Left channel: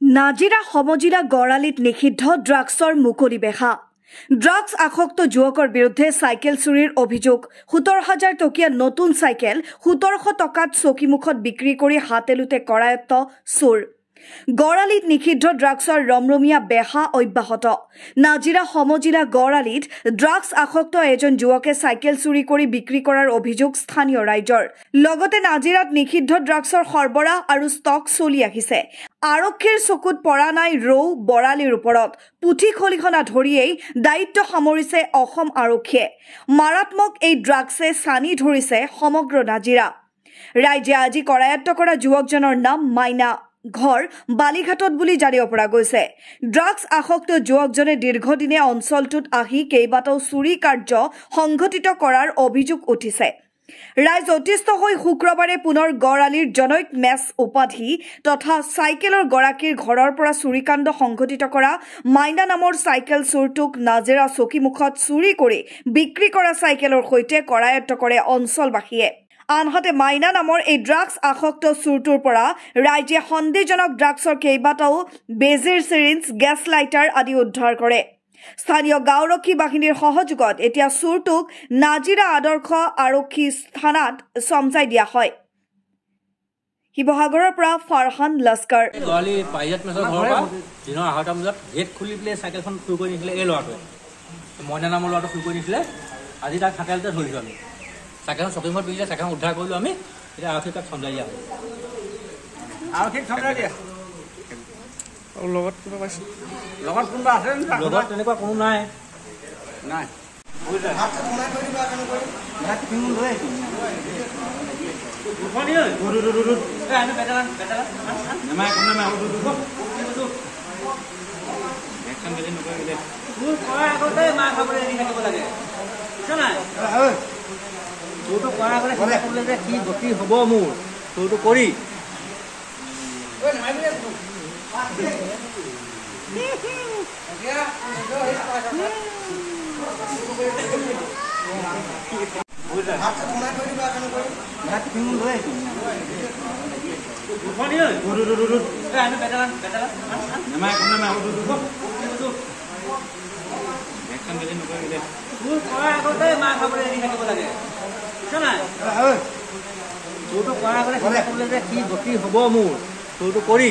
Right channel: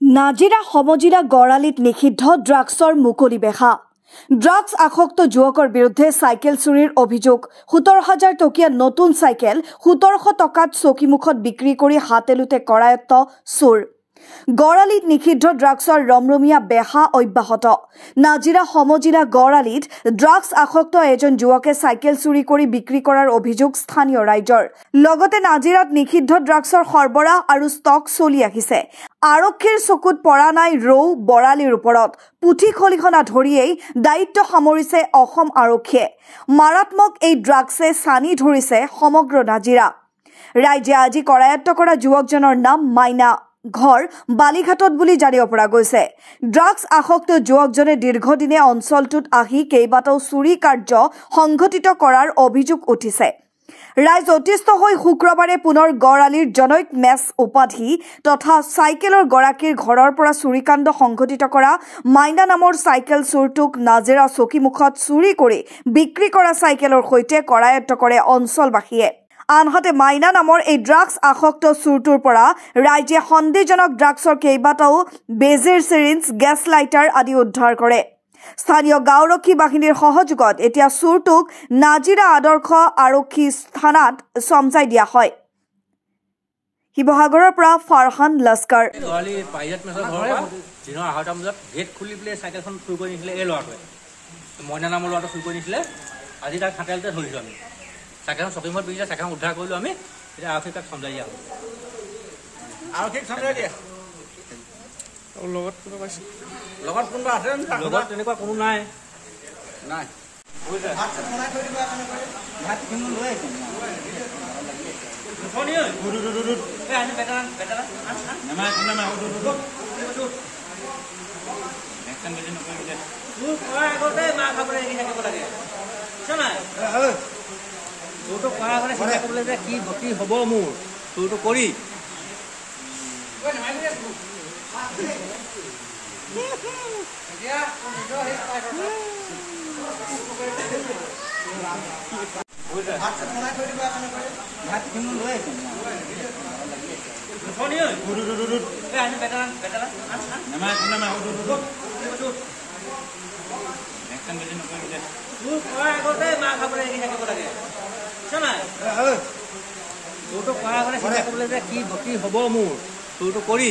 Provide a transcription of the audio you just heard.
নাজিৰা সমজিৰা গড়ালিত নিষিদ্ধ ড্ৰাগছৰ মুকলি বেহা। ড্ৰাগছ আসক্ত যুৱকৰ বিৰুদ্ধে চাইকেল চুৰিৰ অভিযোগ। 17,000 টকীয়া নতুন চাইকেল 1700 টকাত চকীমুখত বিক্ৰী কৰি হাতেলুতে কৰায়ত্ব চোৰ। গড়ালিত নিষিদ্ধ ড্ৰাগছৰ ৰমৰমীয়া বেহা অব্যাহত। নাজিৰা সমজিৰা গড়ালিত ড্ৰাগছ আসক্ত এজন যুৱকে চাইকেল চুৰি কৰি বিক্ৰী কৰাৰ অভিযোগ স্থানীয় ৰাইজৰ। লগতে নাজিৰাত নিষিদ্ধ ড্ৰাগছৰ সৰবৰাহ আৰু ষ্টক চলি আহিছে। আৰক্ষীৰ চকুত পৰা নাই ৰৌ বৰালিৰ ওপৰত। পুথি খলিখনা ধৰিয়েই দায়িত্ব সামৰিছে অসম আৰক্ষীয়ে। মাৰাত্মক এই ড্ৰাগছে ছানি ধৰিছে সমগ্ৰ নাজিৰা। ৰাইজে আজি কৰায়ত্ব কৰা যুৱকজনৰ নাম মাইনা। ঘৰ বালিঘাটত বুলি জানিব পৰা গৈছে। ড্ৰাগছ আসক্ত যুৱকজনে দীৰ্ঘদিনে অঞ্চলটোত আহি কেইবাটাও চুৰি কাৰ্য সংঘটিত কৰাৰ অভিযোগ উঠিছে। ৰাইজ অতিষ্ঠ হৈ শুক্ৰবাৰে পুনৰ গড়ালিৰ জনৈক মেচ উপাধি তথা চাইকেলৰ গৰাকীৰ ঘৰৰ পৰা চুৰিকাণ্ড সংঘটিত কৰা মাইনা নামৰ চাইকেল চোৰটোক নাজিৰা চকীমুখত চুৰি কৰি বিক্ৰী কৰা চাইকেলৰ সৈতে কৰায়ত্ব কৰে অঞ্চলবাসীয়ে। আনহাতে মাইনা নামৰ এই ড্ৰাগছ আসক্ত চোৰটোৰ পৰা ৰাইজে সন্দেহজনক ড্ৰাগছৰ কেইবাটাও বেজীৰ চিৰিঞ্জ, গেছ লাইটাৰ আদি উদ্ধাৰ কৰে। স্থানীয় গাঁওৰক্ষী বাহিনীৰ সহযোগত এতিয়া চোৰটোক নাজিৰা আদৰ্শ আৰক্ষী থানাত চমজাই দিয়া হয়। শিৱসাগৰৰ পৰা ফাৰহান লস্কৰ। আজি তাক খাটালতে ধৰিছোঁ আমি। চাইকেলখন চকীমত বিকিলে চাইকেলখন উদ্ধাৰ কৰিলোঁ আমি। এতিয়া আৰক্ষীক তাক চমজাই দিয়া হ'ল। আৰক্ষীক চমজাই দিয়া। লগত কোনোবা পাইছে? লগত কোনোবা আছে? লগত তেনেকুৱা কোনো নাই। নাই। তোৰটো কৰা কৰে চিন্তা কৰিলে যে কি গতি হ'ব মোৰ তোৰটো কৰি তোৰটো কৰা কৰে চিন্তা কৰিলে যে কি গতি হ'ব মোৰ তোৰটো কৰি